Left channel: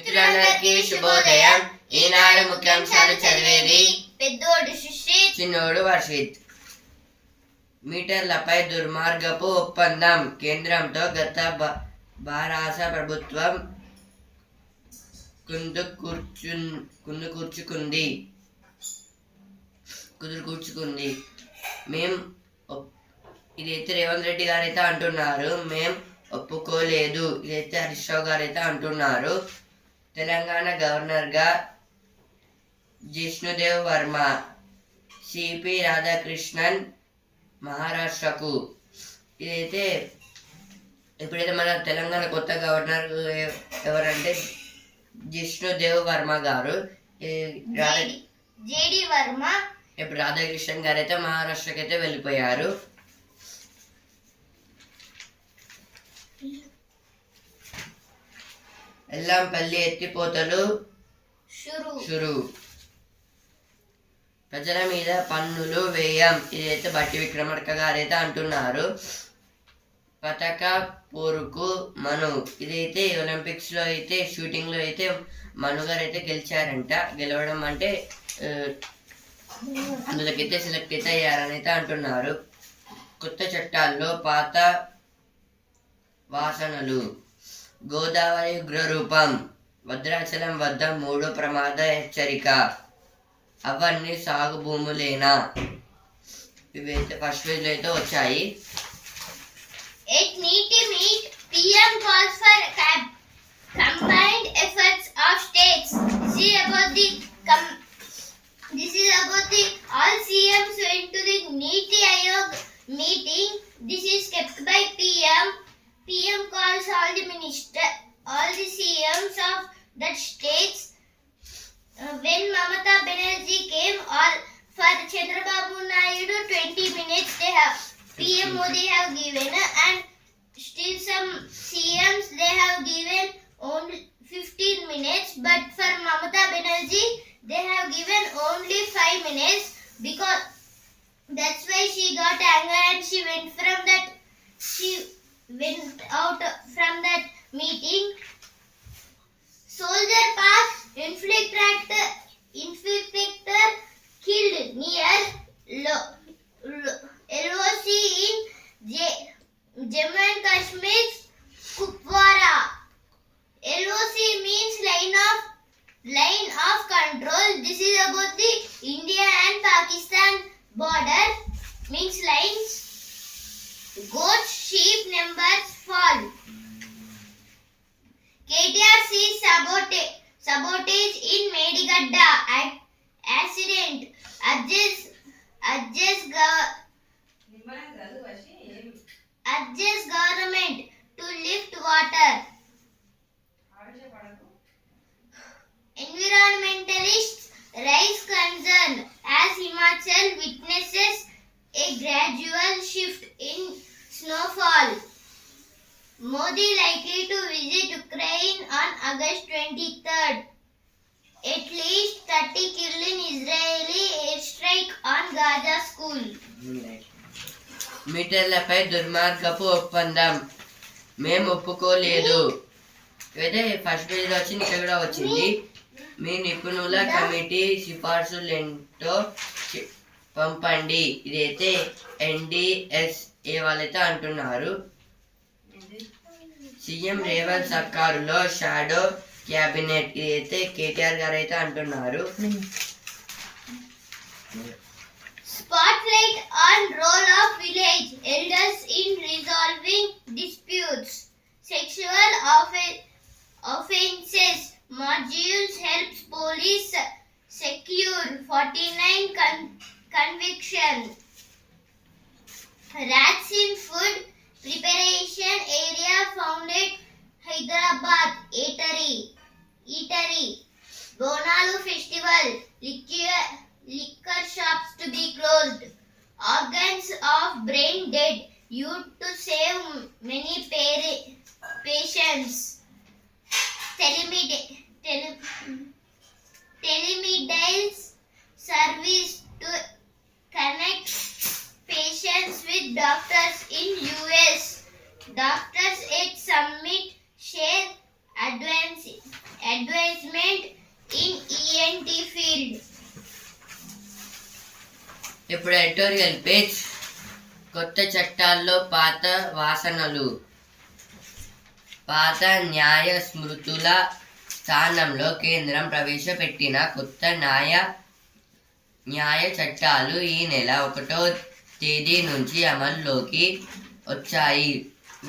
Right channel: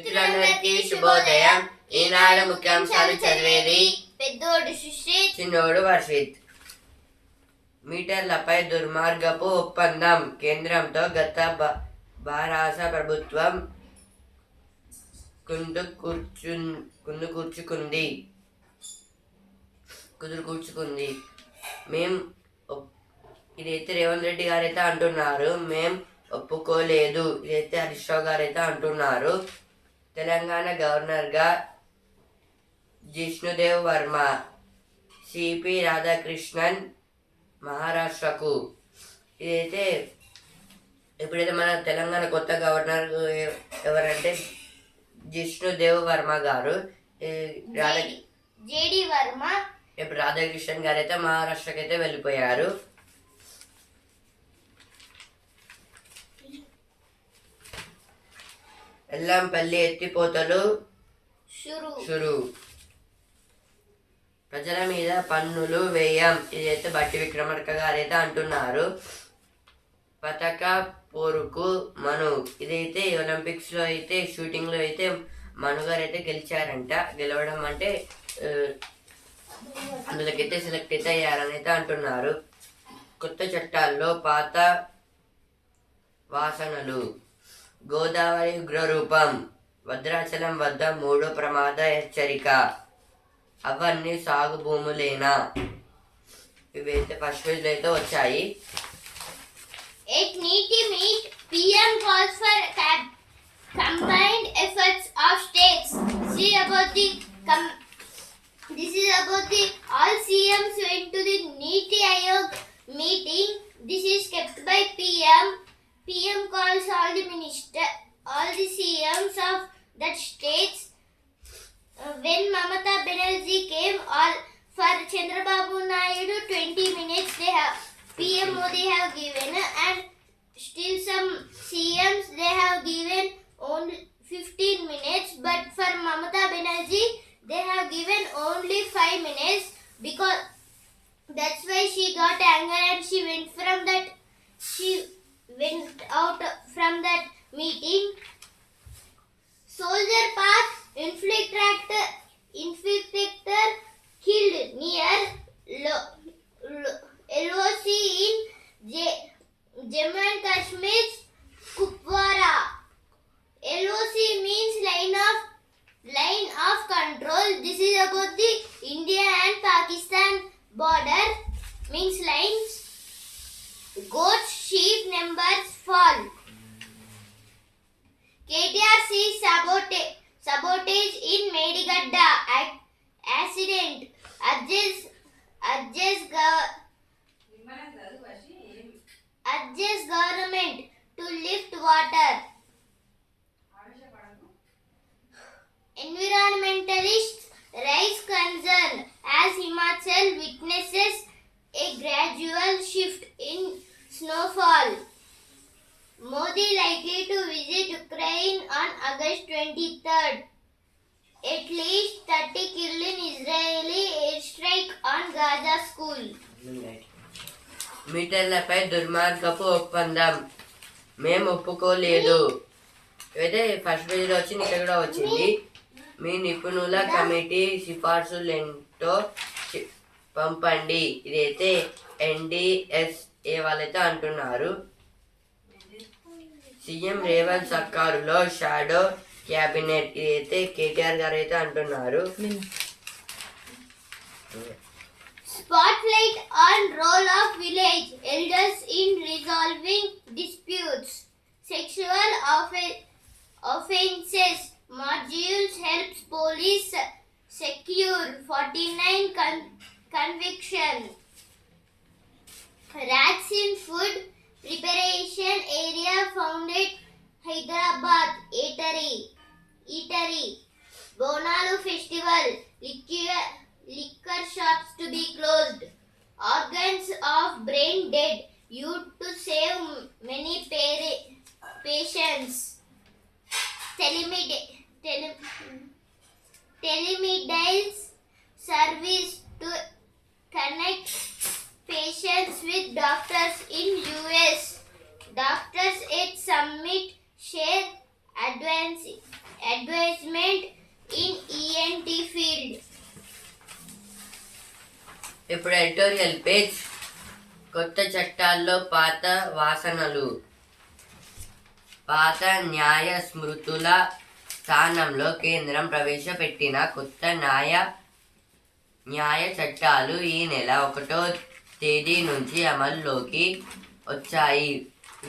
మిత్రులందరికీ శుభోదయం. ఈనాడు ముఖ్యాంశాలు చదివేది పెద్దోడు సుశ్రీత్, చిన్నోడు వర్షిత్. మీటర్లపై దుర్మార్గపు ఒప్పందం. కేంద్రంతో గత భారత ప్రభుత్వం కుదుర్చుకుంది. ఇదైతే రేవంత్ రెడ్డి గారైతే అంటున్నారు. మేం ఒప్పుకోలేదు. ఇదైతే హరీష్ రావు గారైతే అంటున్నారు. తెలంగాణ గవర్నర్గా జిష్ణుదేవ్ వర్మ, సిపి రాధాకృష్ణన్ మహారాష్ట్రకు. ఇదైతే ఇప్పుడైతే మన తెలంగాణ కొత్త గవర్నర్ ఎవరంటే జిష్ణుదేవ్ వర్మ గారు. జేడి వర్మ. ఇప్పుడు రాధాకృష్ణన్ గారు అయితే మహారాష్ట్రకి అయితే వెళ్ళిపోయారు. ఎల్లంపల్లి ఎత్తిపోతలు షురు. ప్రజల మీద పన్నులు వేయం. ఇదైతే బట్టి విక్రమార్క గారైతే అంటున్నారు. పతక పోరుకు మను. ఇదైతే ఒలింపిక్స్లో అయితే షూటింగ్లో అయితే మను గారు అయితే గెలిచారంట. గెలవడం అంటే అందులోకైతే సెలెక్ట్ అయితే అయ్యారని అయితే అంటున్నారు. కొత్త చట్టాల్లో పాత వాసనలు. గోదావరి ఉగ్రరూపం. భద్రాచలం వద్ద 3వ ప్రమాద హెచ్చరిక. అవన్నీ సాగు భూములేనా? ఇవైతే ఫస్ట్ పేజ్ లో అయితే వచ్చాయి. PM calls for combined efforts of states. This is about the all CMs went to the Niti Aayog meeting. This is kept by PM. PM calls all the CMs of that states. When Mamata Banerjee came for Chandrababu Naidu 20 minutes PM Modi have given, and still some CMs they have given only 15 minutes, but for Mamata Banerjee they have given only 5 minutes, because that's why she got anger and she went out from that meeting. Soldier Park infiltrator killed near LOC in Jammu and Kashmir's Kupwara. LOC means line of control. This is about the India and Pakistan border, means lines. Goat sheep numbers fall. KTR sees sabotage in Medigadda. Accident. Urges government to lift water. Environmentalists raise concern as Himachal witnesses a gradual shift in snowfall. Modi likely to visit Ukraine on August 23rd. At least 30 killed in Israeli airstrike on Gaza school. మీటర్లపై దుర్మార్గపు ఒప్పందం. మేము ఒప్పుకోలేదు. ఇదైతే first పేజీలో వచ్చింది. ఇక్కడ కూడా వచ్చింది. మీ నిపుణుల కమిటీ సిఫార్సులేంటో పంపండి. ఇదైతే NDSA వాళ్ళైతే అంటున్నారు. సీఎం రేవంత్ సర్కారులో షాడో క్యాబినెట్. ఇదైతే KTR గారు అయితే అంటున్నారు. Spotlight on role of village elders in resolving disputes. Sexual offences modules helps police secure 49 convictions. Rats in food preparation area founded Hyderabad eatery. Bonalu festival. Liquor shops to be closed. Organs of brain dead. To save many patients. Telemedicine service to connect patients with doctors in US. Doctors at summit share advances. advancement in ENT field. ఇప్పుడు editorial page. కొత్త చట్టాల్లో పాత వాసనలు. పాత న్యాయ స్మృతుల స్థానంలో కేంద్రం ప్రవేశపెట్టిన కొత్త న్యాయ చట్టాలు ఈ నెల 1వ తేదీ నుంచి అమల్లోకి వచ్చాయి.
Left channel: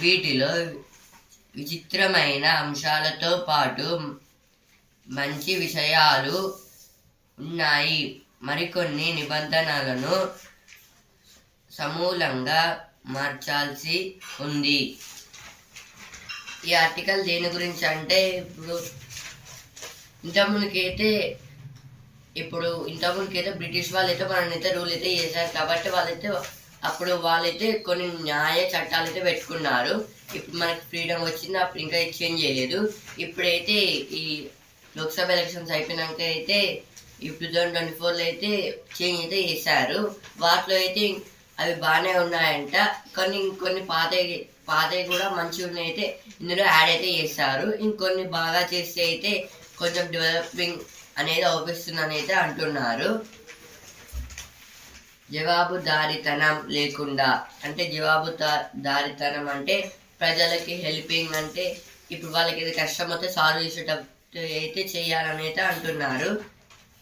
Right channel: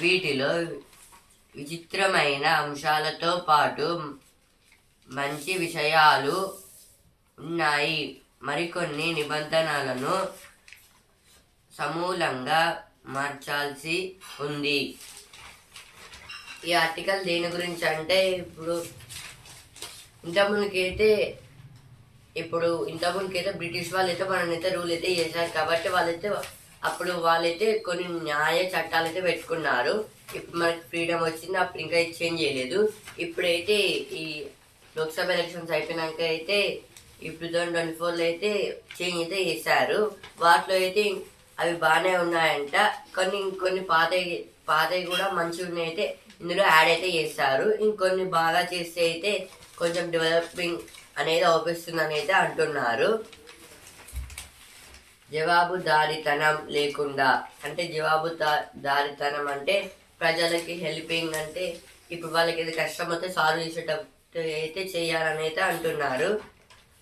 వీటిలో విచిత్రమైన అంశాలతో పాటు మంచి విషయాలు ఉన్నాయి. మరికొన్ని నిబంధనలను సమూలంగా మార్చాల్సి ఉంది. ఈ ఆర్టికల్ దేని గురించి అంటే ఇంతకుముందుకైతే బ్రిటిష్ వాళ్ళైతే మననైతే రూల్ అయితే చేశారు కాబట్టి వాళ్ళైతే కొన్ని న్యాయ చట్టాలు అయితే పెట్టుకున్నారు. ఇప్పుడు మనకి ఫ్రీడమ్ వచ్చింది, అప్పుడు ఇంకా చేంజ్ చేయలేదు. ఇప్పుడైతే ఈ లోక్సభ ఎలక్షన్స్ అయిపోయినాక అయితే ఈ 2024లో అయితే చేంజ్ అయితే చేశారు. వాటిలో అయితే అవి బాగానే ఉన్నాయంట. కొన్ని పాతవి కూడా మంచిగా ఉన్నాయి అయితే ఇందులో యాడ్ అయితే చేస్తారు. ఇంకొన్ని బాగా చేస్తే అయితే కొంచెం డెవలపింగ్ అనేది అవుపిస్తుందని అయితే అంటున్నారు. జవాబుదారీతనం లేకుండా అంటే జవాబుదారీతనం అంటే ప్రజలకి హెల్పింగ్ అంటే ఇప్పుడు వాళ్ళకి ఏది కష్టం వస్తే సాల్వ్ చేసేటట్టు అయితే చేయాలని అయితే అంటున్నారు.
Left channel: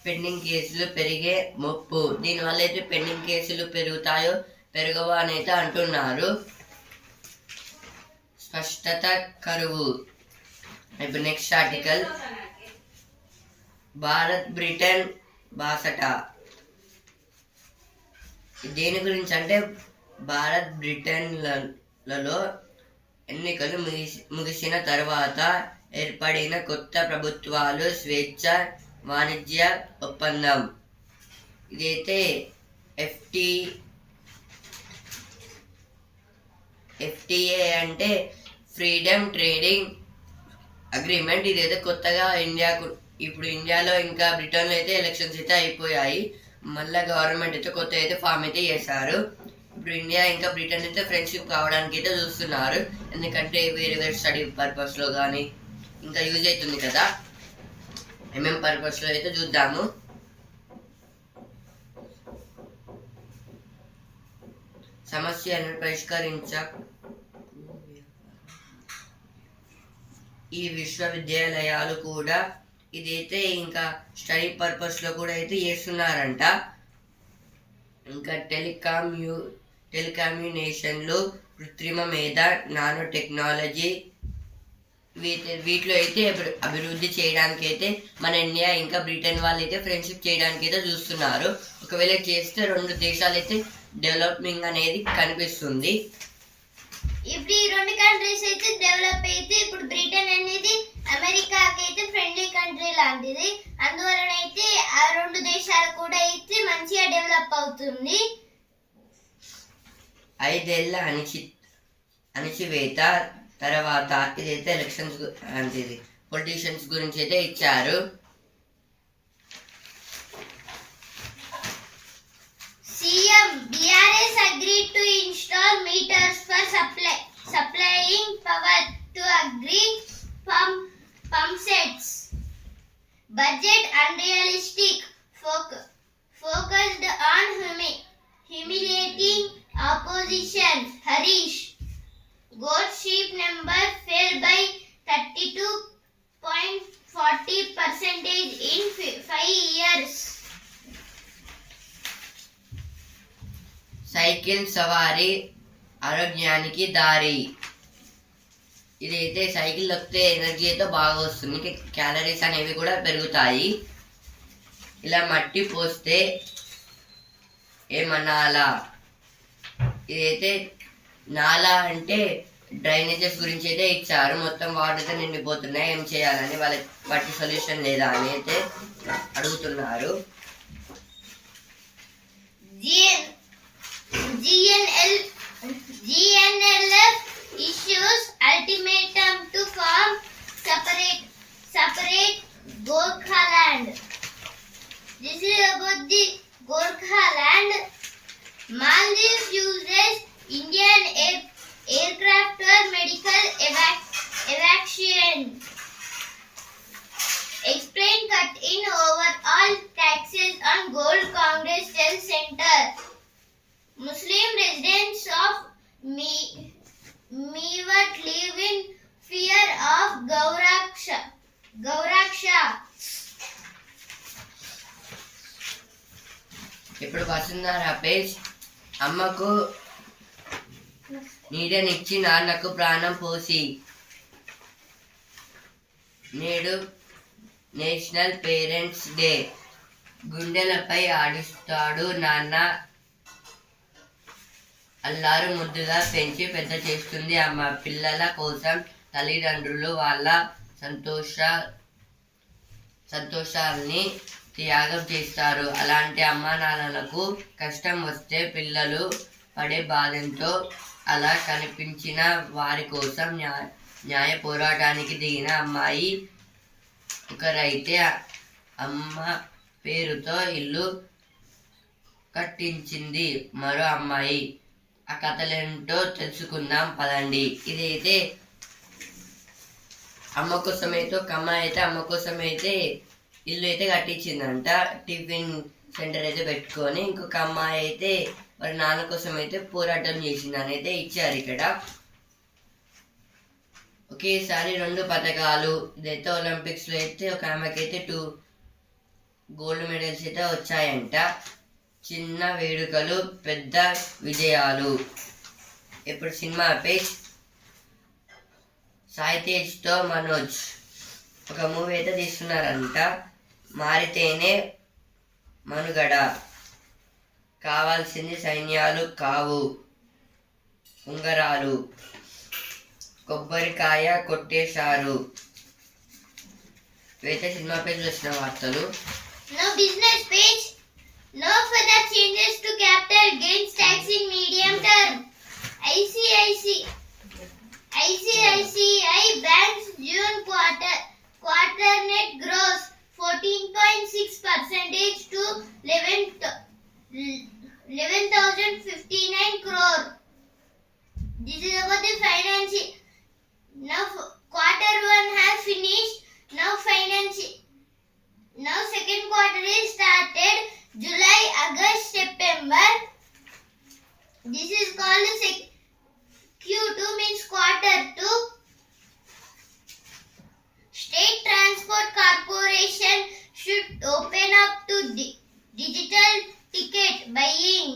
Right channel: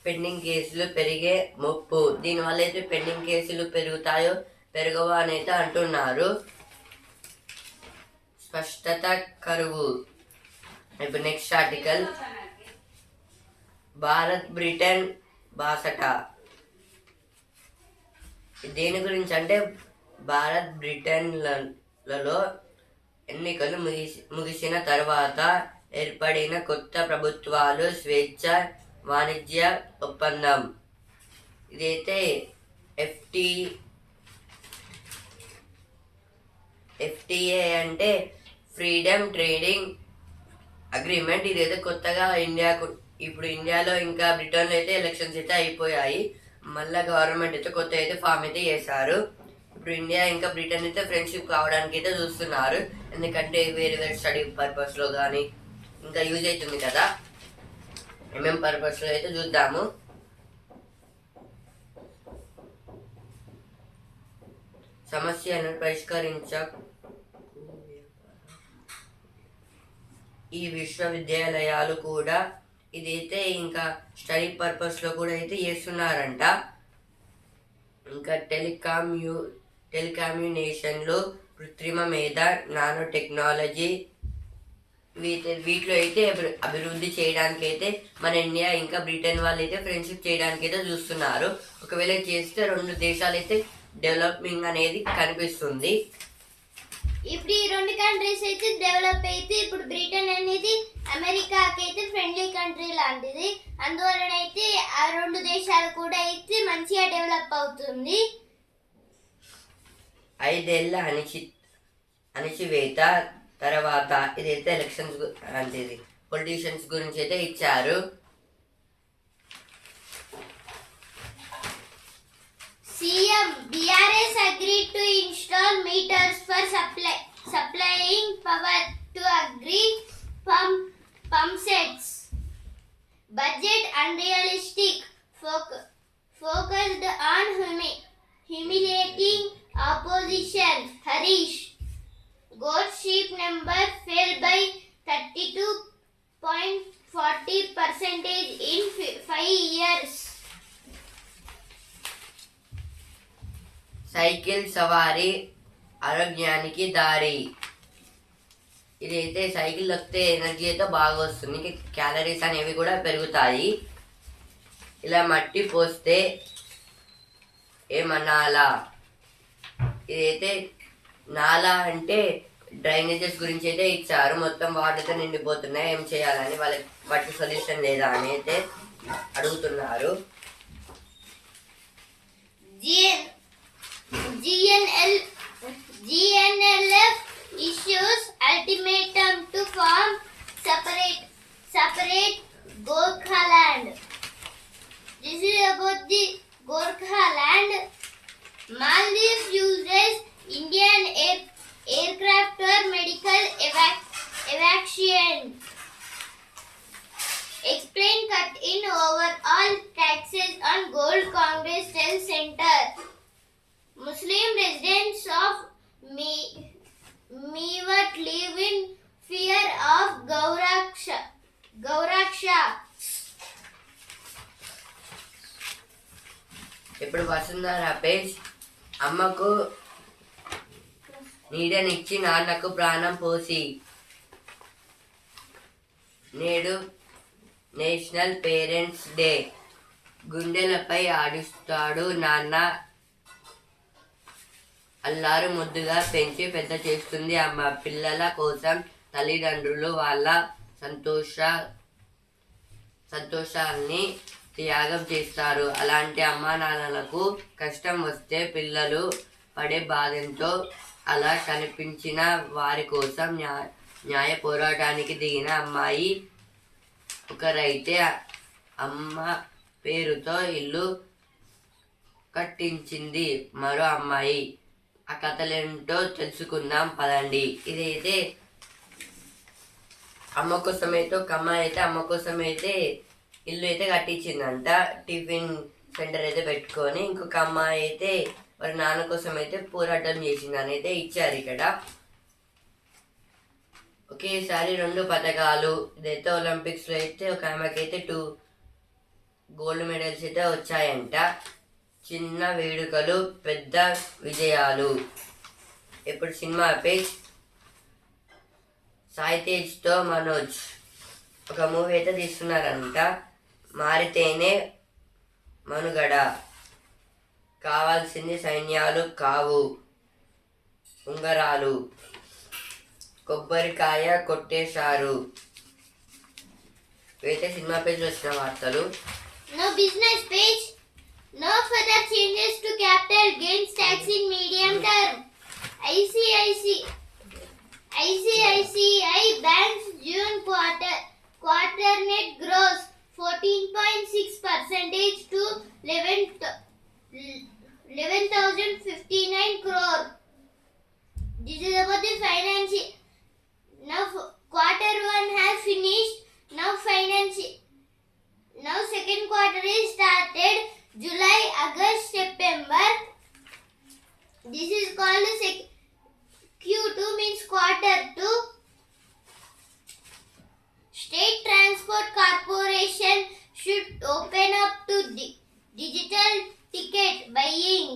పెండింగ్ కేసులు పెరిగే ముప్పు. దీనివల్ల అయితే పెండింగ్ కేసులు పెరుగుతాయో పెరగవో అని అయితే అంటున్నారు. స్పష్టత కరువు. ఇప్పుడు నెక్స్ట్ ఆర్టికల్ భారత్ బ్రిటన్ బాసట. దేని గురించి అంటే భారత్ బ్రిటన్లలో ఎన్నికలు ముగిసిన తర్వాత ఏర్పడిన కొత్త ప్రభుత్వాలు స్వేచ్ఛ వాణిజ్య ఒప్పందం. ఇదైతే ఎఫ్టిఏ అంటే ఫ్రీడమ్ ట్రేడింగ్ అగ్రిమెంట్. ఇదైతే కొత్తగా ఇప్పుడు ఇండియాలో ఇంకా బ్రిటన్లో అయితే ఎలక్షన్స్ అయితే అయిపోయాయి. మళ్ళీ గవర్నమెంట్ అయితే కొత్త అయితే ఫామ్ అయితే చేశారు. ఇప్పుడు ఇండియా ఇంకా బ్రిటన్ అయితే ఫ్రెండ్షిప్ కావడానికి అయితే చూస్తున్నారు. ఎందుకంటే వేరే స్టడీ పర్పస్లో కానీ ఇంకా యూజ్ అవుతుంది కదా. పర్పస్లో అయితే చూద్దాము. సమస్యను ఈ విశ్వవిద్యాలయాలు కూడా ఇదైతే ఇంకా స్టడీ పర్పస్లో కూడా అయితే చేస్తున్నారంట. ఇంకా టెలికమ్యూనికేషన్లు, కృత్రిమ మేధ, నానో టెక్నాలజీ వీటిలో అయితే అభివృద్ధి చేయడానికి అయితే మన ఇండియా ఇంకా బ్రిటన్ వాళ్ళు అయితే ఫ్రెండ్షిప్ చేయడానికి అయితే చూస్తున్నారు. ఒకవేళ చేస్తే 2 దేశాలు అయితే డెవలపింగ్ అనేది కనిపిస్తుంది. ఇప్పుడు ఈ 2 కంట్రీస్ అయితే డెవలప్ అయితే ఇప్పుడు బ్రిటన్ అనేది అమెరికాకి అయితే ఫ్రెండ్లీ కంట్రీ లాంటిది. అందువలన అయితే ఆ 2 దేశాలు కూడా అయితే మంచిగా డెవలప్ అవుతుంది. 5 ఏళ్ల అణచివేత తర్వాత ఇదైతే ఎలక్షన్స్ అంటే పొలిటీషియన్స్ గురించి అయితే ఇచ్చారు. CM BRS agreed to install meters for supplying power to agri pump sets. Budget unrealistic, focused on humiliating opposition. Harish. Goat sheep number fell by 32.40% in 5 years. Cycle సవారీ ఆరోగ్యానికి దారి. ఇదైతే సైకిల్ తొక్కితే energy అయితే బాగా వస్తుంది, క్యాలరీస్ అనేవి కూడా పెరుగుతాయి. ఇలా మట్టి పోస్తే ఏమనాలా. ఇదైతే నాలా అంటే డ్రైనేజెస్ గురించి అయితే ఇచ్చారు. మొత్తం వాటర్ అయితే నిండిపోతున్నాయి, ఏం చేయాలని వాళ్ళకి వాటి సొల్యూషన్ లేదా అని అయితే అడుగుతున్నారు. GNLF issues ultimatum to form separate Gorkhaland. This is about the Gorkhaland. Maldives uses Indian aircraft for medical evacuation. Gold Congress Health Center. Muslim residents of Mewat live in fear of Gauraksha. ఇప్పుడు Vasundhara page అమ్మకు నీడనిచ్చి నాన్నకు ప్రాణం పోసి. నేడు national parents day. గుండెలపై ఆడిస్తాడు నాన్న, అల్లారు ముద్దుగా పెంచి పెద్ద చేస్తుంది అమ్మ. పిల్లల కోసం తల్లిదండ్రులు వాళ్ళ సంతోషాన్ని త్యాగం చేస్తారు. అలాంటి అమ్మా నాన్నలకు కష్టం వస్తే పిల్లలు పడే బాధంతో అలా కనిపించిన వారి కోసం న్యాయ పోరాటానికి దిగిన అమ్మాయి ఒకరైతే అమ్మ పేరుతో ఇల్లు కట్టించింది మరో అమ్మాయి. ఆ కథలేంటో తెలుసుకుందాం పదండి. ఇదైతే అమ్మ కోసం అయితే ఒక అమ్మాయి అయితే అమ్మ కోసం అయితే ఇల్లు అయితే కట్టించిందంట, టిఫిన్ సెంటర్ అయితే పెట్టుకొని. ఇంకొక అమ్మాయి అయితే వారి నాన్న కోసం అయితే పోరాటం చేసిందని అయితే ఇచ్చారు ఇక్కడ. ఒకేసారి 2 పథకాలు. ఇదైతే ఒలింపిక్స్లో అయితే ఒక ఆమెకి అయితే 2 గోల్డ్ మెడల్స్ అయితే వచ్చాయంట. చిన్న వేడుకలు పెద్ద విజయాలు. ఇప్పుడు సినిమా పేజ్. సాయి తేజ్తో మనోజ్ ఒక మూవీ అయితే తీస్తున్నారంట. మారితేనే మనుగడ, కావాల్సింది సైన్యాలు కావు ఉంగరాలు, కొబ్బరికాయ కొట్టేశారు. ఇవైతే సినిమా పేజ్లో వచ్చిన వార్తలు. Now business page. No further changes to capital gains tax in medium term. ICICI Bank's June quarter net gross 14.6% to 11,059 crore. This is about the financial. Now quarter 1 has finished. Now second quarter is started. July, August, September. This is called the Q2 means quarter 2. State Transport Corporation should open up to digital ticket buying.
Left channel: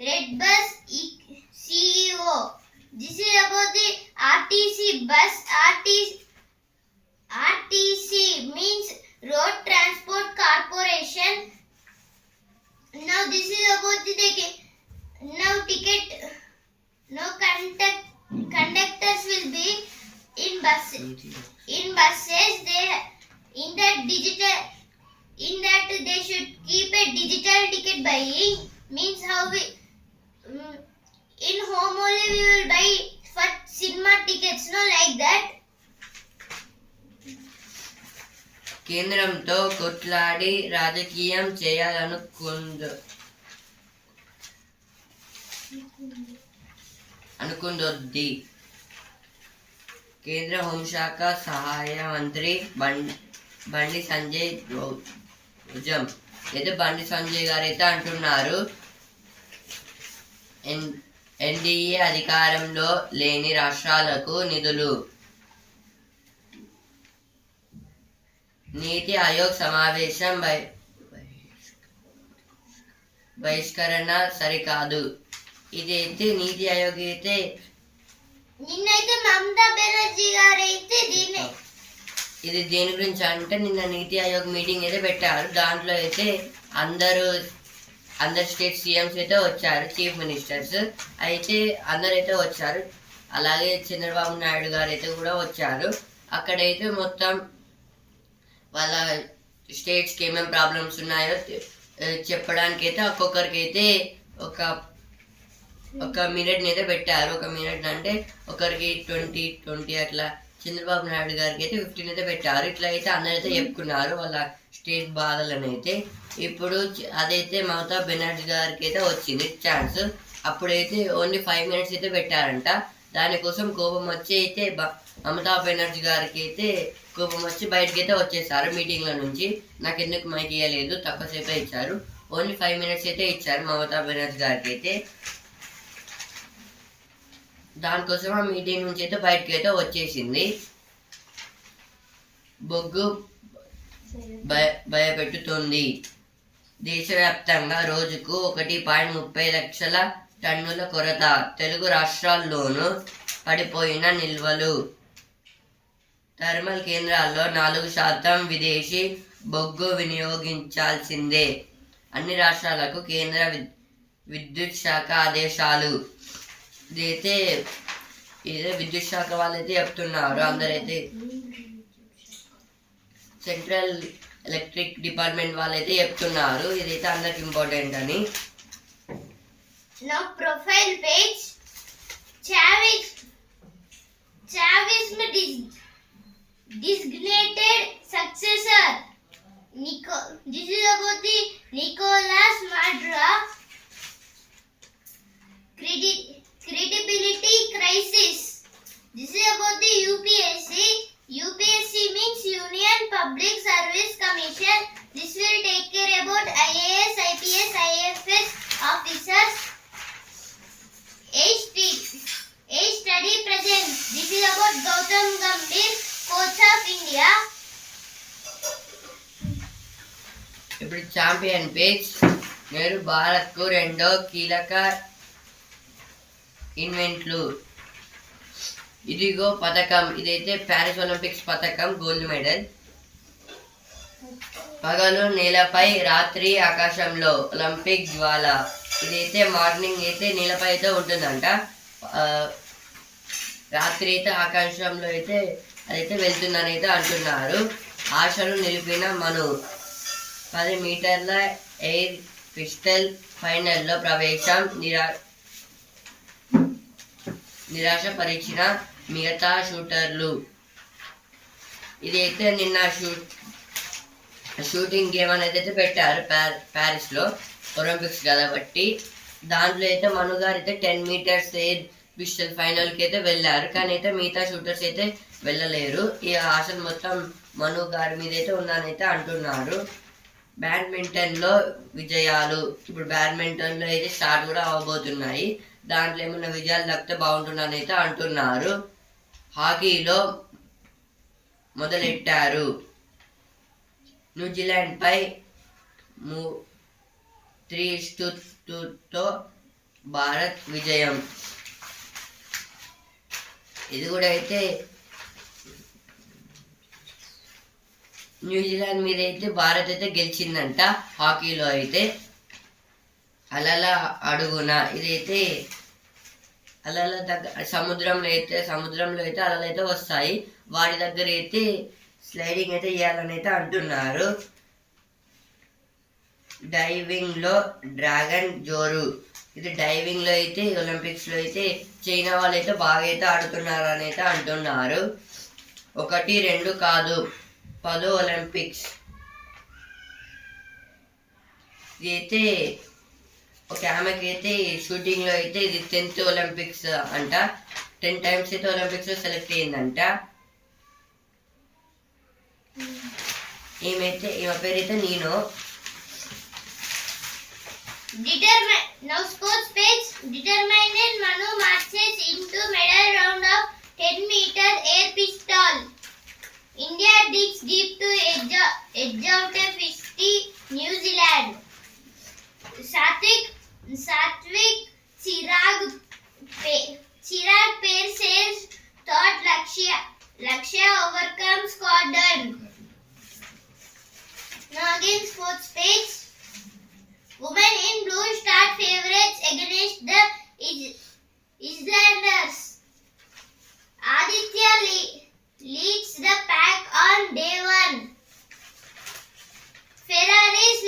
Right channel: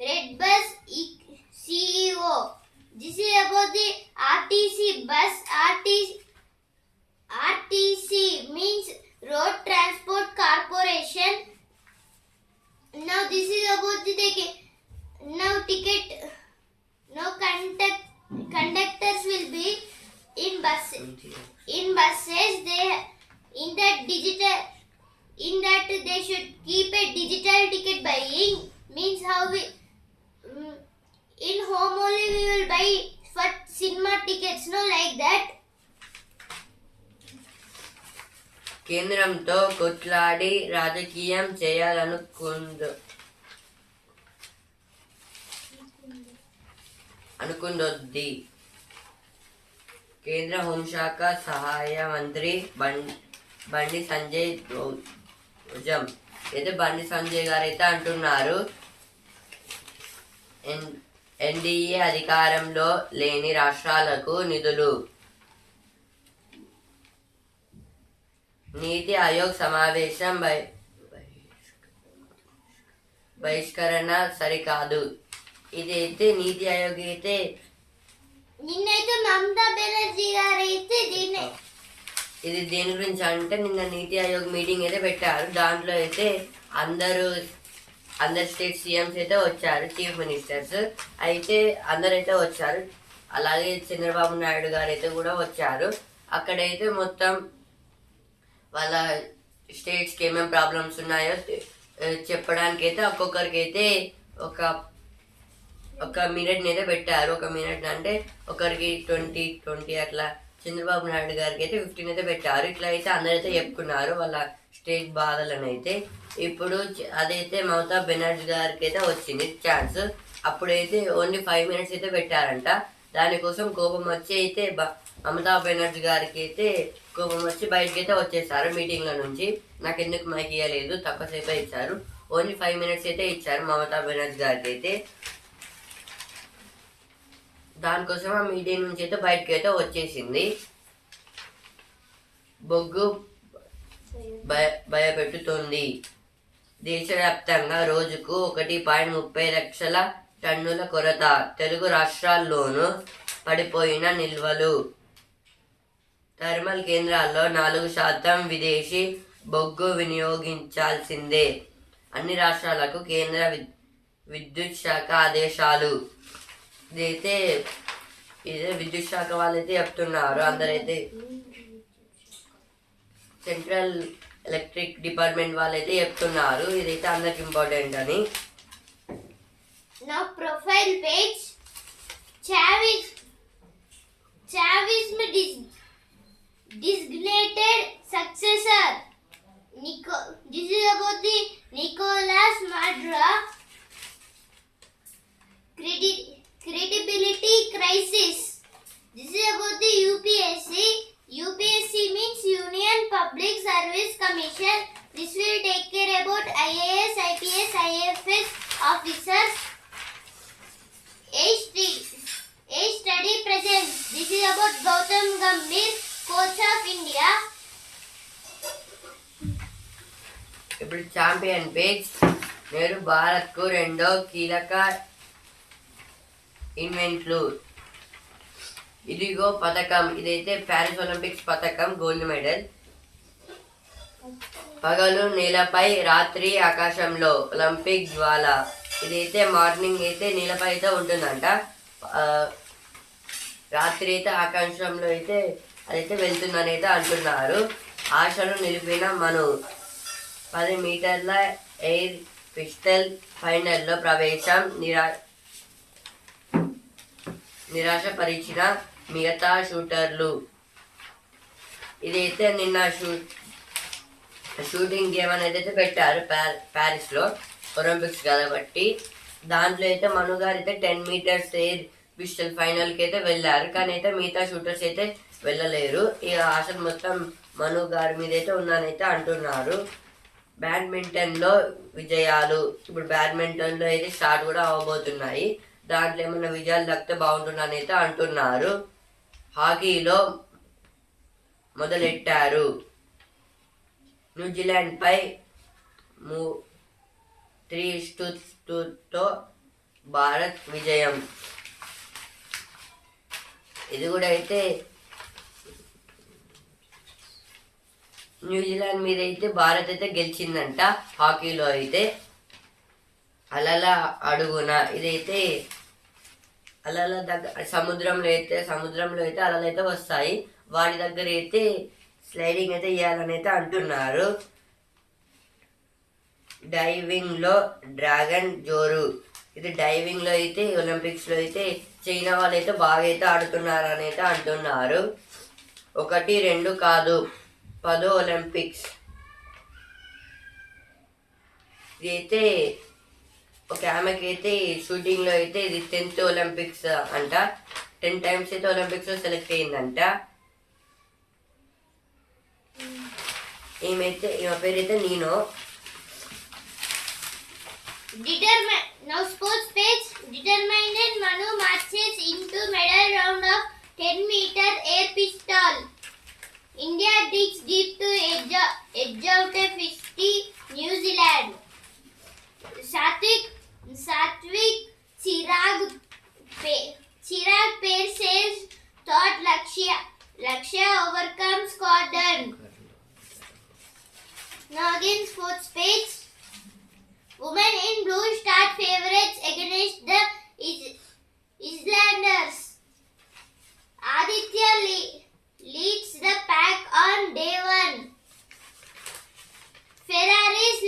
Red Bus CEO. This is about the RTC bus. RTC means Road Transport Corporation. Now this is about the ticket. Now conductors will be in buses. In that they should keep a digital ticket buying. Means how we in home only we will buy for cinema tickets. No, like that. కేంద్రంతో కొట్లాడి రాజకీయం అనుకుందొద్ది. కేంద్ర హోంశాఖ సహాయ మంత్రి బండి సంజయ్ ధ్వజం. అయితే బండి సంజయ్ గారు అయితే అంటున్నారు, ఎన్డీఏ అధికారంలో లేని రాష్ట్రాలకు నిధులు. నీతి ఆయోగ్ సమావేశం బహిష్కరణ సరికాదు. ఇదైతే నీతి ఆయోగ్ అయితే నిన్నైతే మమతా బెనర్జీ గారు అయితే ఇది దేని గురించి అంటే నిన్న నీతి ఆయోగ్ మీటింగ్ అయితే పెట్టారు. దాంట్లో అయితే అందరు స్టేట్ సీఎంస్ అయితే వచ్చారు, చీఫ్ మినిస్టర్స్ అయితే అందరైతే వచ్చారు. అలాగే చంద్రబాబు నాయుడు గారు అయితే కూడా వచ్చారు. అక్కడైతే మొత్తం వాళ్ళ స్టేట్స్కి ఏమేమి ప్రాబ్లమ్స్ ఉన్నాయో చెప్పడానికి అయితే ఒక్కొక్కరికి అయితే ఒక మినిట్ని అయితే పెట్టారు. ఒక మినిట్ అంటే ఒకరికి 20 అట్లా. చంద్రబాబు నాయుడు గారికి అయితే 15 అయితే పెట్టారు. ఇట్లా అయితే అందరైతే చెప్పుకున్నారు వాళ్ళ స్టేట్ బాధలను అయితే. ఇప్పుడు అదైతే మమతా బెనర్జీ గారికి అయితే వచ్చింది ఛాన్స్. అప్పుడైతే ఓన్లీ 5 minutes అయితే పెట్టారంట. దానికోసం కోపం వచ్చి అయితే మమతా బెనర్జీ గారికి అయితే కోపం వచ్చి బయటకి అయితే వచ్చేసారు మీటింగ్ల నుంచి. నాకు ఎందుకు మైక్ ఇవ్వలేదు, తక్కువసేపే ఇచ్చారు, ఓన్లీ 5 minutes అయితే ఇచ్చారు మమతా బెనర్జీ గారికి అయితే. దానికోసం ఆ మీటింగ్ నుంచి అయితే బయటకి అయితే వచ్చేసింది. బొగ్గు భయపెట్టుతుంది. దేశవ్యాప్తంగా రోజుకు 1.30 లక్షల టన్నుల కొరత. తెలుగు రాష్ట్రాల్లోనూ పడిపోయిన నిల్వలు. థర్మల్ కేంద్రాల్లో 4% విదేశీ బొగ్గు వినియోగించాల్సిందే. అన్ని రాష్ట్రాలకు కేంద్ర విద్యుత్ శాఖ ఆదేశాలు. ఇదే విద్యుత్ శాఖ వాళ్ళైతే చెప్తున్నారు. అందరైతే సెంట్రల్ ఎలక్ట్రిక్ డిపార్ట్మెంట్ వాళ్ళైతే చెప్తున్నారు ఇదైతే అందరికి ఇంపార్టెంట్ అని. Now profile page. Chavism designated successor. This is about the Nicolas Maduro credibility crisis. This is about the UPSC. UPSC means Union Public Service Commission. This will take care about IAS, IPS, IFS officers. A study present. This is about Gautam Gambhir, coach of India. ఇప్పుడు champion page. నేడు భారత్కు 2 కీలక ఈవెంట్లు. ఇదిగో పథకం. ఇదైతే Paris Olympics పథకం, gold medal. పగలు నేలపై, రాత్రి ఆకాశంలో ఒలింపిక్ జ్వాల. ఇదైతే మార్నింగ్ అయితే నేలపై అయితే ఉంటుందంట, రాత్రి అయితే ఆకాశంలో అయితే అదైతే వెళ్తుందని అయితే అంటున్నారు. ఆశను నిలిపిన మను. 10 మీటర్ల ఎయిర్ పిస్టల్ ఫైనల్లో ప్రవేశం. నిరాశపరిచిన మిగతా షూటర్లు. ఇదైతే నిన్న షూటింగ్ గేమ్ అనేది అయితే పెట్టారు ప్యారిస్లో, ఒలింపిక్స్ కాబట్టి. దాంట్లో అయితే మను గారు అయితే 10 meters ఎయిర్ పిస్టల్ ఫైనల్కి అయితే వెళ్ళారు, కానీ అయితే మిగతా షూటర్స్ అయితే వెళ్ళలేరు. ఈ ఆశ మొత్తం మను గారి మీద అయితే ఉందని అయితే అంటున్నారు. బ్యాడ్మింటన్లో విజయాలు. ఇప్పుడు బ్యాడ్మింటన్లో అయితే స్టార్ట్ కూడా అవ్వబోతున్నాయి, దాంట్లో ఏమైనా విజయాలు దక్కితే బాగుంటుందని అయితే అంటున్నారు. హాకీలో మొదలెట్టారు. న్యూజిలాండ్పై 3-2తో భారత్ విజయం. ఇది కూడా అయితే న్యూజిలాండ్ మీద అయితే భారత్ అయితే గెలిచిందంట హాకీలో అయితే. అలల అడుగున. ఇదైతే అలల దగ్గర సముద్రంలో అయితే అలలు అయితే వస్తాయి, వాటి దగ్గర అయితే స్లైడింగ్ అయితే చేయాలని అయితే అంటున్నారు. డైవింగ్లో డ్రాగన్ జోరు. ఇది డైవింగ్లో అయితే ఒలింపిక్స్లో అయితే చైనా వాళ్ళు అయితే బాగా అయితే ఆడుతున్నారు అని అయితే అంటున్నారు. 1, 2 కాదు 10 ఒలింపిక్స్. ఇదైతే ఒక ఆమెకి అయితే షూటింగ్లో అయితే ఇది 10th ఒలింపిక్స్ అంట. 10 times అయితే ఒలింపిక్స్లో సెలెక్ట్ అయ్యిందంట. ఈమె పేరు అయితే నేను. Now sports page. Determined Manu marches into medal round of 10 meter air pistol. India digs deep to edge out a 50 New Zealand. Satvik Chirag pair says thought Lakshya overcomes Gordon. Now again sports page. Women in blue start favorites against the Islanders. Aditya leads the pack on day 1. Ferrari's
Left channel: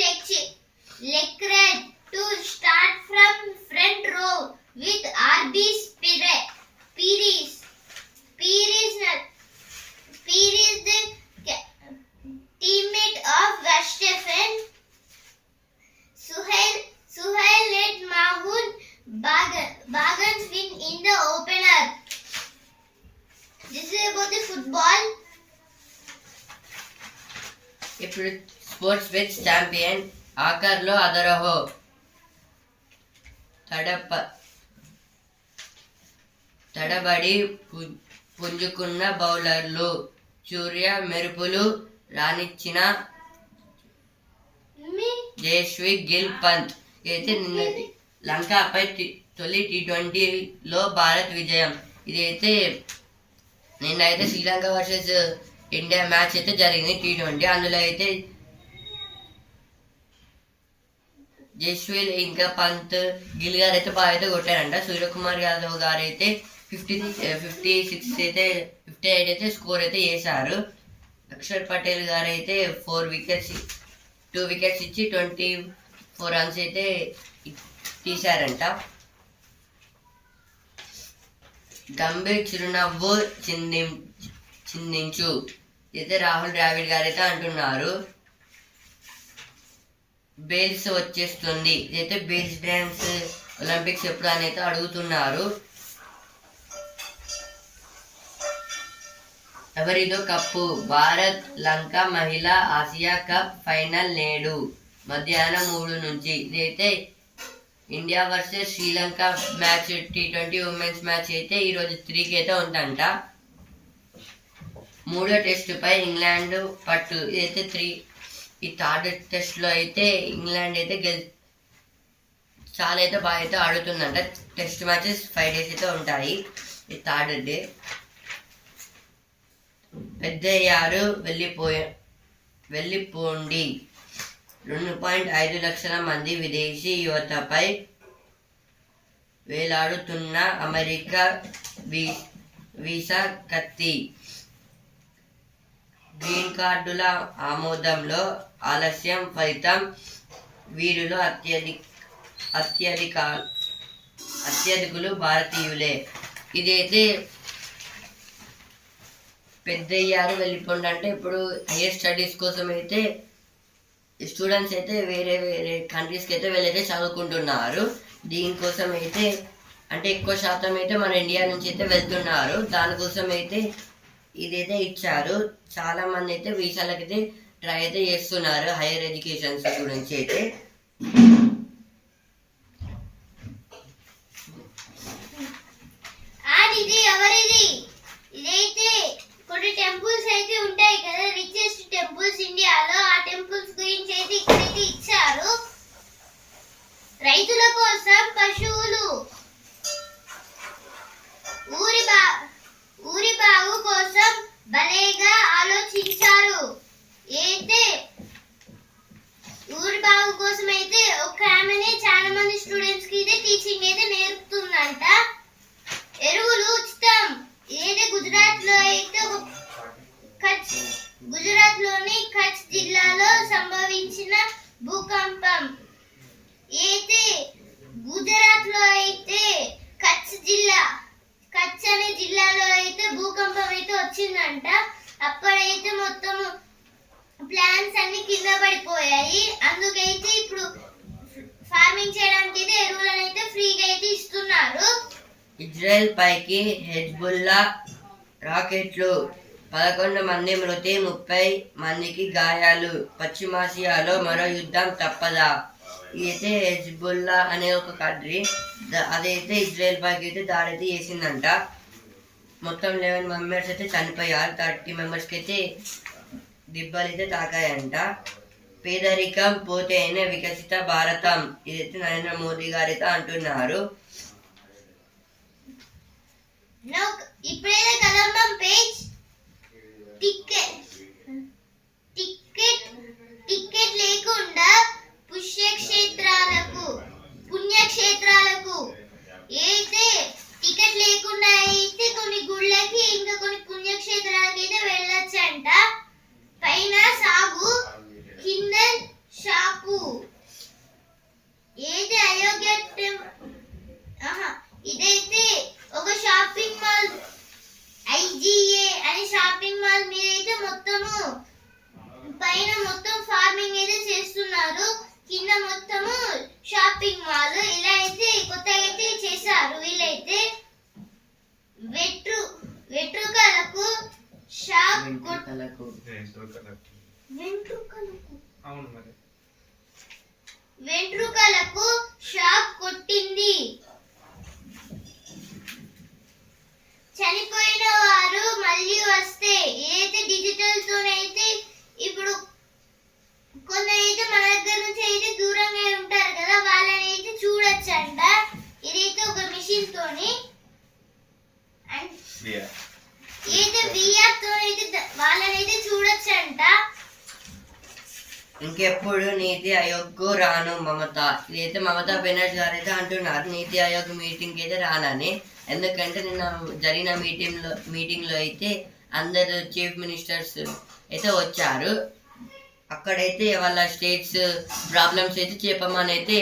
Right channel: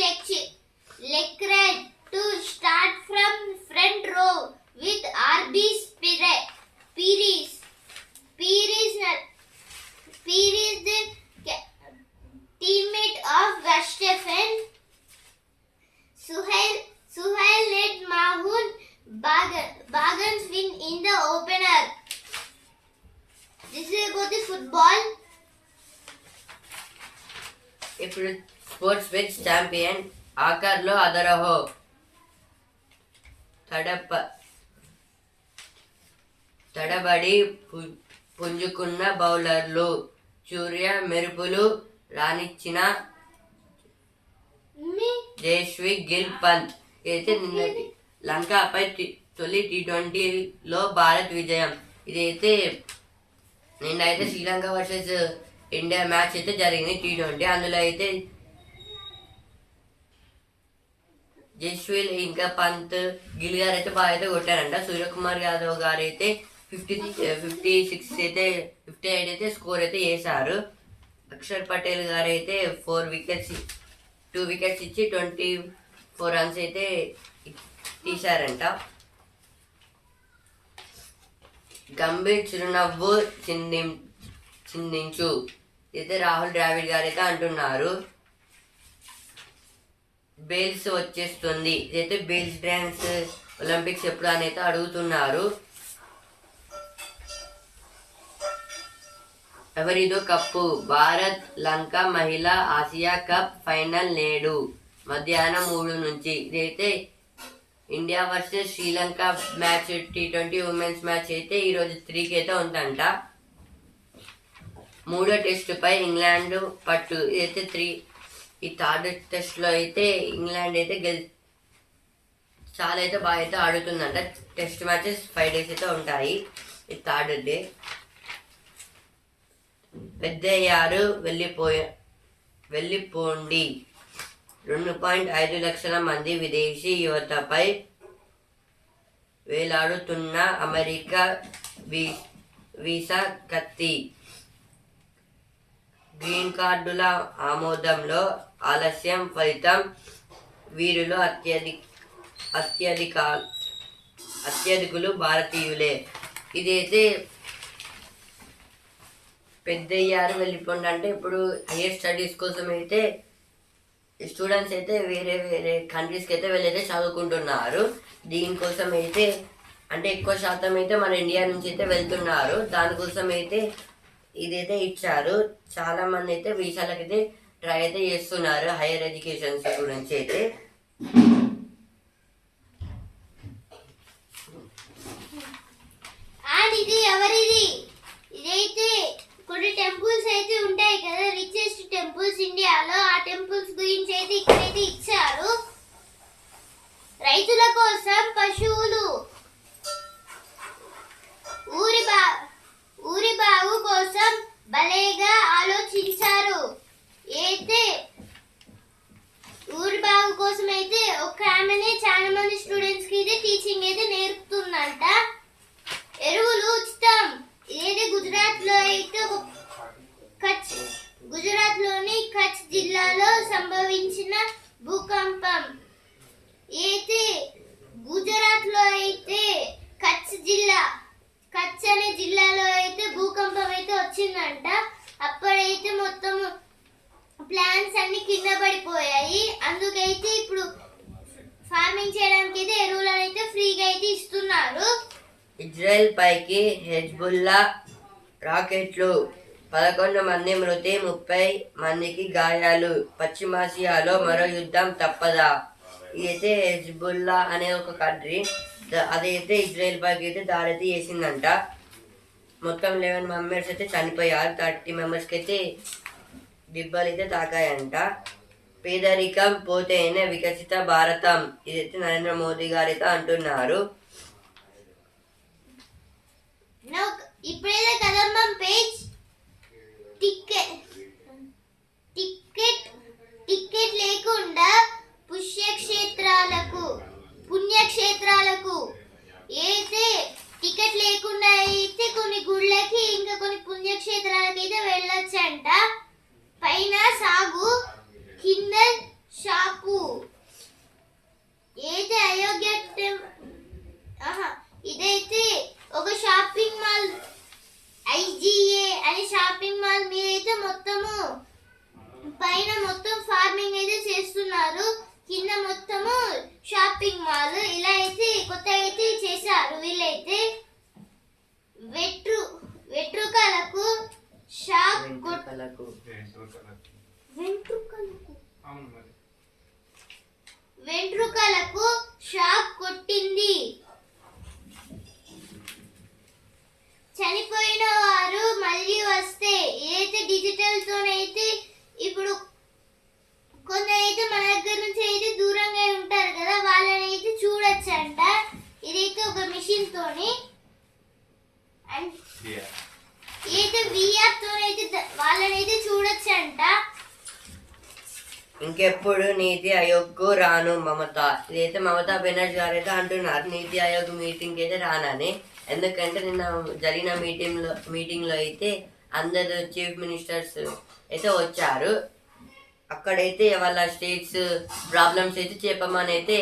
Leclerc to start from front row with RB Pires. Pires the teammate of Verstappen. Suhail led Mahood Bagans win in the opener. This is about the football. ఇప్పుడు sports with champion ఆఖర్లో అదరహో తడబడి పుంజుకున్న బౌలర్లు సూర్య మెరుపులు రానిచ్చిన జయశ్రీ గిల్ పంత్. ఇదైతే నిన్నటి లంకపై తొలి T20లో భారత్ విజయం. ఇదైతే నిన్నైతే శ్రీలంక వర్సెస్ ఇండియా మ్యాచ్ అయితే జరిగింది T20. అందులో అయితే జస్వీల్ ఇంకా పంత్ గిల్ గారు అయితే బాగా అయితే కొట్టారంట. సూర్యకుమార్ యాదవ్ గారు అయితే 56 అయితే 58 అయితే స్కోర్ అయితే చేశారు. అక్షర్ పటేల్ గారు అయితే 2 వికెట్స్ ఇచ్చి 24 రన్స్ అయితే తీశారంట. గంభీర్ చిరునవ్వు చిందించు అయితే రాహుల్ ద్రావిడ్ గారు అయితే అంటున్నారు. బేల్స్ వచ్చేస్తుంది. ఇదైతే బేల్స్ డ్యాన్స్ ఒలింపిక్స్ ఎప్పుడు అని అయితే అడుగుతున్నారు. ఎవరిదో కప్పు భారత్ లంక మహిళా ఆసియా కప్ ఫైనల్ నేడు మధ్యాహ్నం 3 నుంచి. ఇదైతే India versus Sri Lanka match T20 women's match అయితే ఈరోజు 3కి అయితే ఉందంట. 3వ టెస్టుపై ఇంగ్లాండ్ పట్టు. ఇదైతే ఈ 3rd టెస్ట్లో అయితే ఇంగ్లాండ్ అయితే చాలా అయితే బాగా అయితే ఆడుతుందంట. టెస్ట్ మ్యాచెస్ 5 days అయితే ఉంటాయి. ఈ 3rd డే పెద్దయ్యారు వెళ్ళిపోండి. 2.5 లక్షల మంది విదేశీ యువతపై వేలాడుతున్న అమెరికా వీసా కత్తి. గ్రీన్ కార్డుల ఆమోదంలో ఆలస్యం ఫలితం వీరిలో అత్యధికులు భారతీయులే. ఇదైతే పెద్దయ్యారు వెళ్ళిపోండి అంటే ఇప్పుడు హైయర్ స్టడీస్ కోసం అయితే స్టూడెంట్స్ అయితే వేరే కంట్రీస్కి అయితే వెళ్ళైతే చదువుకుంటున్నారు. దీనికోసం అయితే అంటే ఎక్కువ శాతం అయితే మన ఇండియా నుంచి అయితే వెళ్తున్నారు. దానికోసం అయితే ఇదైతే ఇచ్చారు. చాలామంది అయితే వీసాలకైతే ట్రై అయితే చేస్తున్నారు హైయర్ ఎడ్యుకేషన్స్ గురించి అయితే. ఇదైతే కొన్ని టెంపుల్స్ అయితే ఉంటాయి కదా, రిచెస్ట్ టెంపుల్స్ ఇండియాలో. ఆ టెంపుల్స్ గురించి అయితే ఇక్కడైతే ఇచ్చారు. రైతుల కోసం పశువులు, ఊరి బాగు కోసం భలేగా ఆలోచించారు. అయితే ఊరి బాగు కోసం అయితే ఒక ఆమెనే చాలా మంది స్టూడెంట్స్ కి అయితే టీచింగ్ అయితే నేర్పుతుందంట. ఎరువులు ఉచితం. ఏది గుజరాత్ లోని కచ్ జిల్లాలో సంభవించిన భూకంపం. అయితే గుజరాత్ లో అయితే కచ్ అనే జిల్లాలో అయితే భూకంపం అయితే వచ్చిందంట. అప్పుడైతే మొత్తం ప్లాంట్స్ అన్ని కింద పడిపోయాయి. అందుకైతే ఇప్పుడు ఫార్మింగ్ చేయడానికి అయితే ఎరువులను అయితే ఫ్రీగా అయితే ఇస్తున్నారు. ఇజ్రాయెల్ పైకి హెజ్బుల్లా రాకెట్లు. 11 మంది మృతి, 30 మందికి గాయాలు. పశ్చిమాసియాలో మరో యుద్ధం తప్పదా. ఇదైతే హెజ్బుల్లా అనే ఒక కంట్రీ అదైతే ఇజ్రాయెల్ పైకి అయితే దాడి అయితే చేసిందంట. మొత్తం 11 మెంబర్స్ అయితే చనిపోయారు. 30 మెంబర్స్కి అయితే దిబ్బలు అయితే తాకాయంట. పేదరికం పోతేనే వికసిత భారతం. ఇదైతే నరేంద్ర మోదీ గారు అయితే అంటున్నారు. ఇప్పుడైతే కదంబం పేజ్ టికెట్ లేకుండా పుణ్యక్షేత్రాలకు అయితే టికెట్ లేకుండా అయితే కొన్ని గుళ్ళకి ఇంకా కొన్ని పుణ్యక్షేత్రాలకి అయితే వెళ్ళొచ్చంట. పైన సాగు కింద షాపు. ఏది అయోగ్య ఇదైతే ఒక షాపింగ్ మాల్ IGA అనే షాపింగ్ మాల్ మీద అయితే మొత్తము పైన మొత్తం ఫార్మింగ్ అయితే చేస్తున్నారు. కింద మొత్తము షాపింగ్ మాల్ ఇలా అయితే కొత్తగా అయితే చేశారు. వీళ్ళైతే వెంట్రుకలకు షాక్ ఇంకెప్పుడు నీతి ఆయోగ్కు రాను మమత. ఇదైతే మమతా బెనర్జీ గారు అయితే అంటున్నారు నీతి ఆయోగ్ మీటింగ్కి అయితే రానని. ఎందుకంటే నిన్న జరిగిన మీటింగ్లో అయితే అందరు చీఫ్ మినిస్టర్స్ అయితే వచ్చారు. అక్కడైతే వాళ్ళ స్టేట్స్ ప్రాబ్లమ్స్ అయితే చెప్పమని అయితే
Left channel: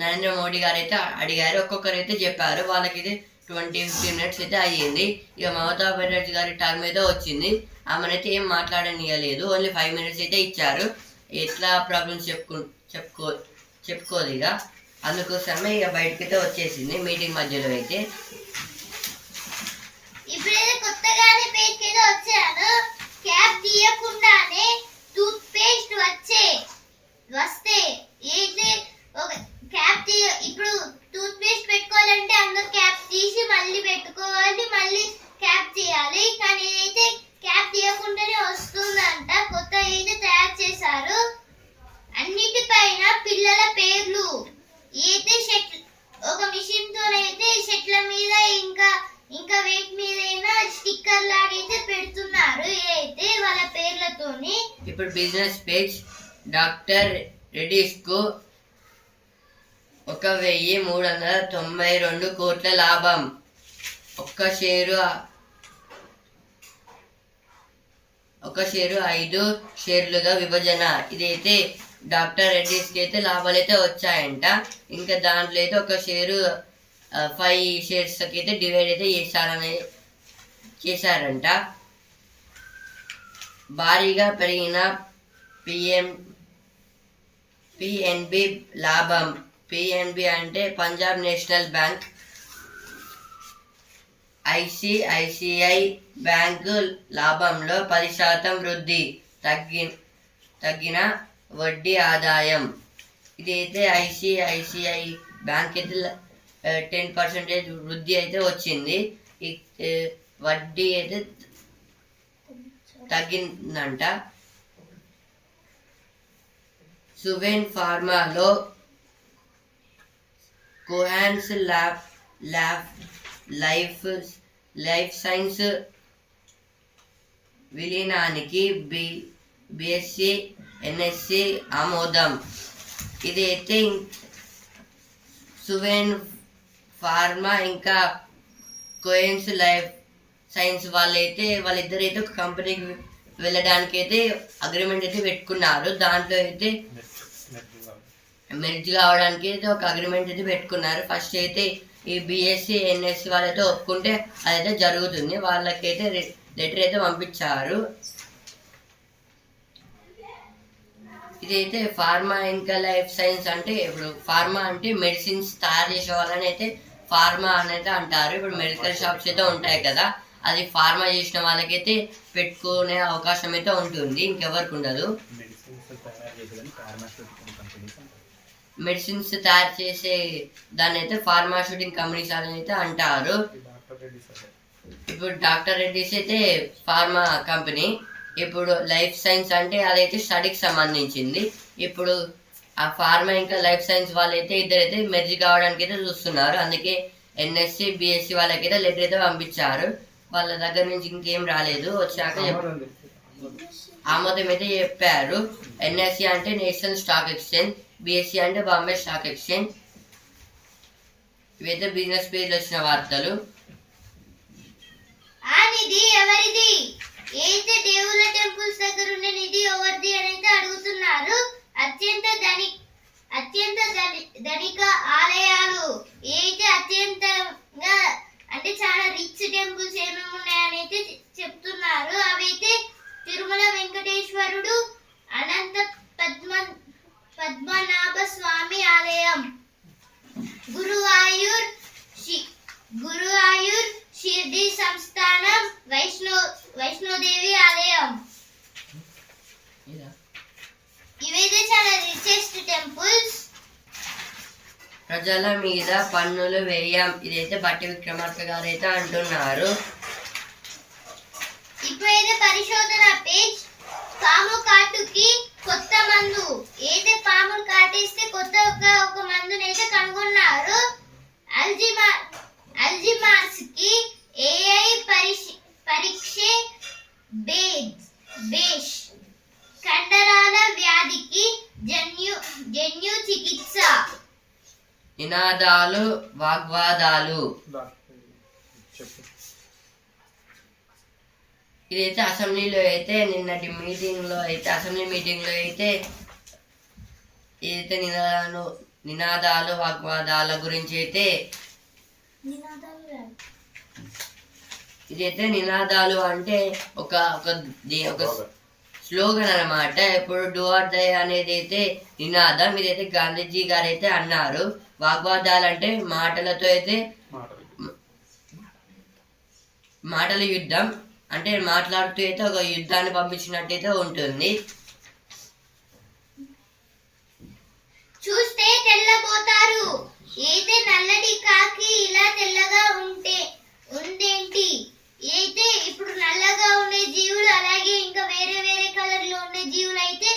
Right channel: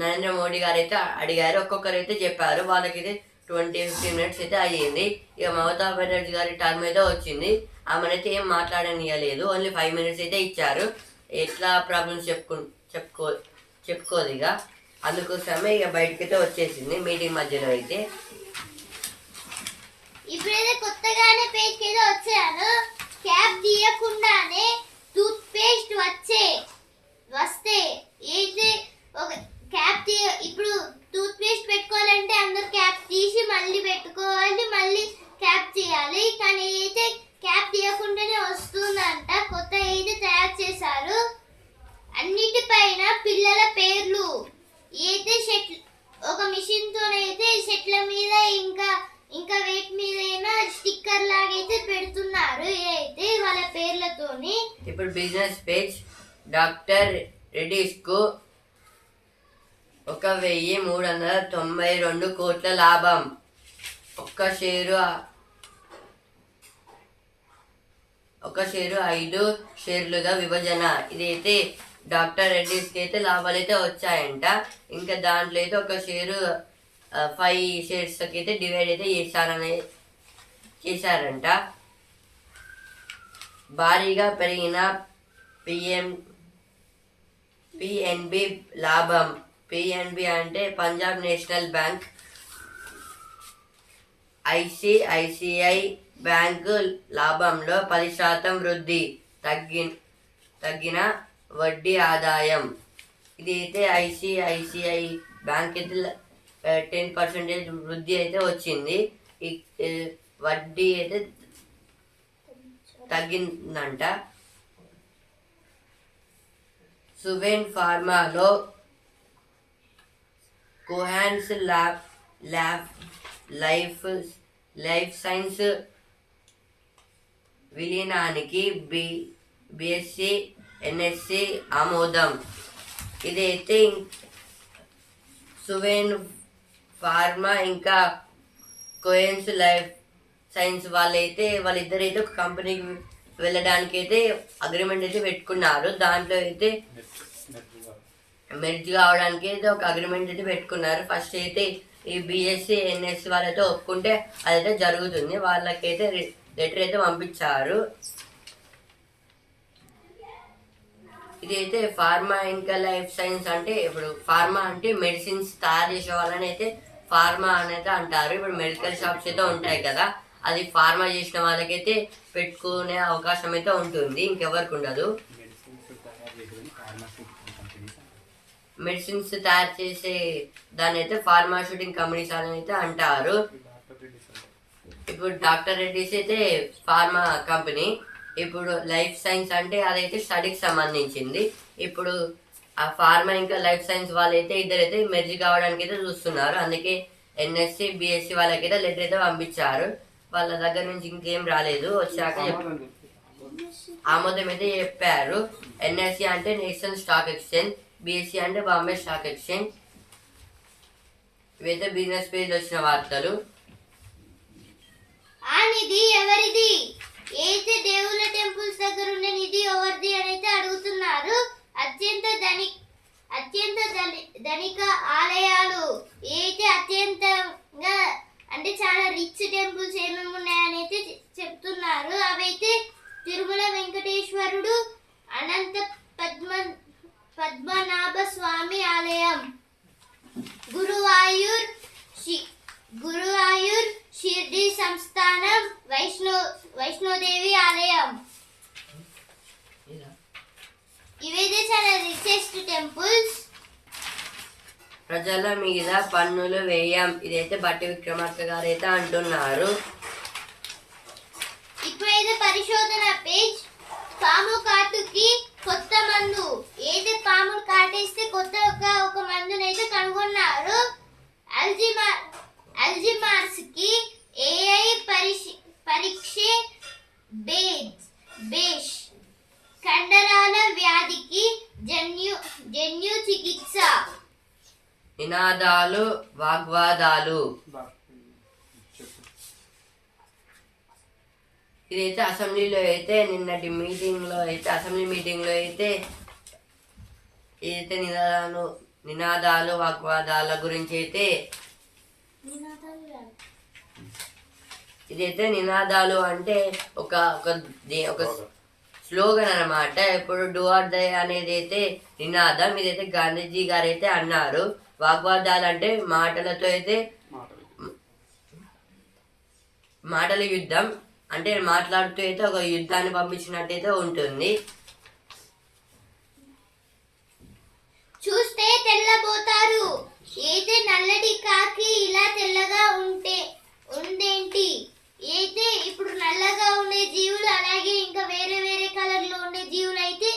నరేంద్ర మోడీ గారు అయితే అడిగారు. ఒక్కొక్కరు అయితే చెప్పారు. వాళ్ళకైతే 20-15 మినిట్స్ అయితే అయ్యింది. ఇక మమతా బెనర్జీ గారి టర్మ్ అయితే వచ్చింది. ఆమెనైతే ఏం మాట్లాడనియలేదు. ఓన్లీ 5 మినిట్స్ అయితే ఇచ్చారు. ఎట్లా ప్రాబ్లమ్స్ చెప్పుకోదు ఇక. అందుకోసమే ఇక బయటకైతే వచ్చేసింది మీటింగ్ మధ్యలో అయితే. ఇప్పుడైతే కొత్తగానే పేజ్కి అయితే వచ్చాను. క్యాప్ తీయకుండానే టూత్ పేస్ట్ వస్తే అయితే ఒక క్యాప్ ఇప్పుడు టూత్ పేస్ట్ పెట్టుకోవాలంటే అందరు క్యాప్ తీసి మళ్ళీ పెట్టుకోవాలి, మళ్ళీ క్యాప్ తీయాలి. కానీ అయితే క్యాప్ తీయకుండానే వస్తుందంట. కొత్త అయితే తయారు చేశారు. అన్నిటిపైన పిల్లల పేర్లు అయితే ఒక మిషన్ తోనైతే చెట్ల మీద ఇంకా వేటి మీదైనా స్టిక్కర్ లాగైతే పెడుతున్నారు. అయితే వాళ్ళ పేర్లతోని. ఇప్పుడు బిజినెస్ పేజ్ డాక్టర్ రెడ్డిస్ కు 1,392 కోట్ల లాభం. ఒక్క షేరు 5 షేర్లుగా విభజన. ఇదైతే డాక్టర్ రెడ్డిస్కి అయితే లాభాలు అయితే వచ్చాయంట. ఇంకా దాంట్లో అయితే ఒక షేరు 5 షేర్స్కి అయితే డివైడ్ అయితే చేశారంట. భారీగా పెరిగిన పిఎన్బి లాభం. పిఎన్బి అంటే Punjab national bank. ICICI bank లాభంలో 10% వృద్ధి. తగ్గిన వడ్డీ ఆదాయం. ఇదైతే ఐసిఐసిఐ బ్యాంక్ అయితే 10% వృద్ధి అయితే వచ్చింది. వడ్డీ అయితే తగ్గిందంట. సువెన్ ఫార్మాలో కోహాన్స్ లైఫ్ సైన్స్ విలీనానికి బిఎస్సి ఎన్ఎస్సి ఆమోదం. ఇదైతే సువెన్ ఫార్మా ఇంకా కోహెన్స్ లైఫ్ సైన్స్ వాళ్ళిద్దరైతే ఒక కంపెనీకి వెళ్ళడానికి అయితే అగ్రిమెంట్ అయితే పెట్టుకున్నారు. దాంట్లో అయితే మెర్జ్ కావడానికి అయితే ఒక అగ్రిమెంట్ అయితే పెట్టుకున్నారు. ఫస్ట్ అయితే ఈ బిఎస్సి ఎన్ఎస్సి వాళ్ళైతే ఒప్పుకుంటే అదైతే జరుగుతుంది. వాళ్ళకైతే లెటర్ అయితే పంపించారు. ఇదైతే ఫార్మా ఇంకా లైఫ్ సైన్స్ అంటే ఇప్పుడు ఫార్మా అంటే మెడిసిన్స్ తయారు చేసే వాళ్ళని అయితే ఫార్మా అనేది అంటారు. ఇప్పుడు మెడికల్ షాప్స్ అయితే ఉంటాయి కదా, అది ఫార్మా చేసిన వాళ్ళకైతే పెట్టుకునే అవకాశం అయితే ఉంటుంది, ఇంకెవరికి ఉండదు. మెడిసిన్స్ తయారు చేసే దాన్ని అయితే ఫార్మాస్యూటికల్ కంపెనీస్ అని అయితే అంటారు. ఇప్పుడు డాక్టర్ రెడ్డిస్ అయితే ఫార్మా కంపెనీ. ఇప్పుడు లైఫ్ సైన్స్ అంటే అదైతే స్టడీకి సంబంధించింది. ఇప్పుడు ఆ ఫార్మా ఇంకా లైఫ్ సైన్స్ వాళ్ళైతే ఇద్దరైతే మెర్జ్ కావడానికి అయితే చూస్తున్నారు. అందుకే ఎన్ఎస్సి బిఎస్సి వాళ్ళకైతే లెటర్ అయితే పంపించారు. వాళ్ళ దగ్గర నుంచి ఇంకేం రాలేదు. వచ్చాక ఆమోదం అయితే చెప్పారు. ఎన్ఎస్సి అంటే నేషనల్ స్టాక్ ఎక్స్చేంజ్, బిఎస్సి అంటే బాంబే స్టాక్ ఎక్స్చేంజ్. ఇవైతే బిజినెస్ పేజ్ వచ్చిన వార్తలు. ఆ నిధి ఎవరిది? అయితే దేవుళ్ళ టెంపుల్స్ దగ్గర ఉన్న నిధి ఎవరిది అని అయితే అడుగుతున్నారు. అత్యంత ధనిక ఆలయాలు అయితే అత్యంతంగా అంటే చాలా రిచ్ టెంపుల్స్ ఏమేమి ఉన్నాయని అయితే చెప్తున్నారు. అవైతే తిరుమల వెంకటేశ్వరుడు, అనంత పద్మనాభ స్వామి ఆలయం, గురువాయూర్ షిర్డీ సంస్థానం, వైష్ణోదేవి ఆలయం. ఇవైతే చాలా రిచెస్ట్ టెంపుల్స్. ప్రజల మీద పన్నులు వేయం. ఇదైతే బట్టి విక్రమార్క గారు అయితే అంటున్నారు. ఇప్పుడైతే పరిశోధన పేజ్. పాము కాటుకి కొత్త మందు. ఏదైతే పామును కాటేస్తే కొత్తగా ఒక మందునైతే కనుగొన్నారు. అల్జిమార్స్ కి ఏఐ పరీక్ష బేష్. కండరాల వ్యాధికి నినాదాలు వాగ్వాదాలు. చెప్పు. ఇదైతే అసెంబ్లీలో అయితే నిన్నటి అసెంబ్లీ మీటింగ్లో అయితే ఇదైతే నినాదాలు వాగ్వాదాల గురించి అయితే ఇదైతే నినాదాలు అంటే ఒక స్లోగన్ అన్నమాట. ఇప్పుడు డూ ఆర్ డై అనేది అయితే నినాదం. ఇదైతే గాంధీజీ గారు అయితే అన్నారు. వాగ్వాదాలు అంటే మాటలతో అయితే మాటల యుద్ధం అంటే మాట్లాడుతూ అయితే ఒక యుద్ధాన్ని పంపించినట్టయితే ఉంటుంది. చూస్తే తెల్లబోతారు. అయితే నల్లటి కాకి ఇలా తెల్లగా ఉందేంటి? అయితే ఇప్పుడు నల్లగా ఉండే జీవులు అలాగే ఇంకా వేరే వేరే కలర్ లో ఉండే జీవులు అయితే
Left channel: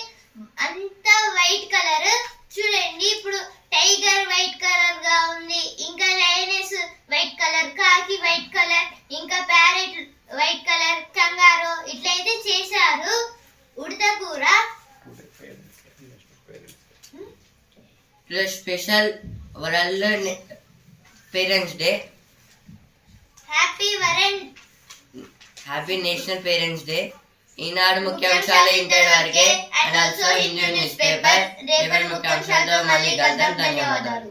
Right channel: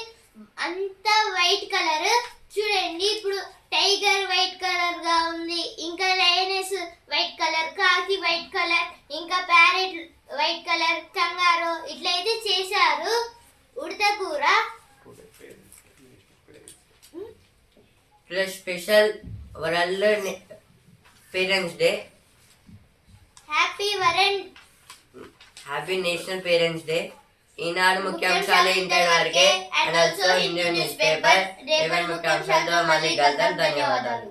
అంతా వైట్ కలర్. చూడండి ఇప్పుడు టైగర్ వైట్ కలర్ గా ఉంది, ఇంకా లయనెస్ వైట్ కలర్, కాకి వైట్ కలర్, ఇంకా ప్యారెట్ వైట్ కలర్, కంగారో ఇట్లయితే చేశారు. ఉడత కూర special world parents day. Happy national parents day. Eenadu ముఖ్యాంశాలు ఇంతటి వరకే. And also Hindu newspaper రేపటి ముఖ్యాంశాలతో మళ్ళీ కలుద్దాం. ధన్యవాదాలు.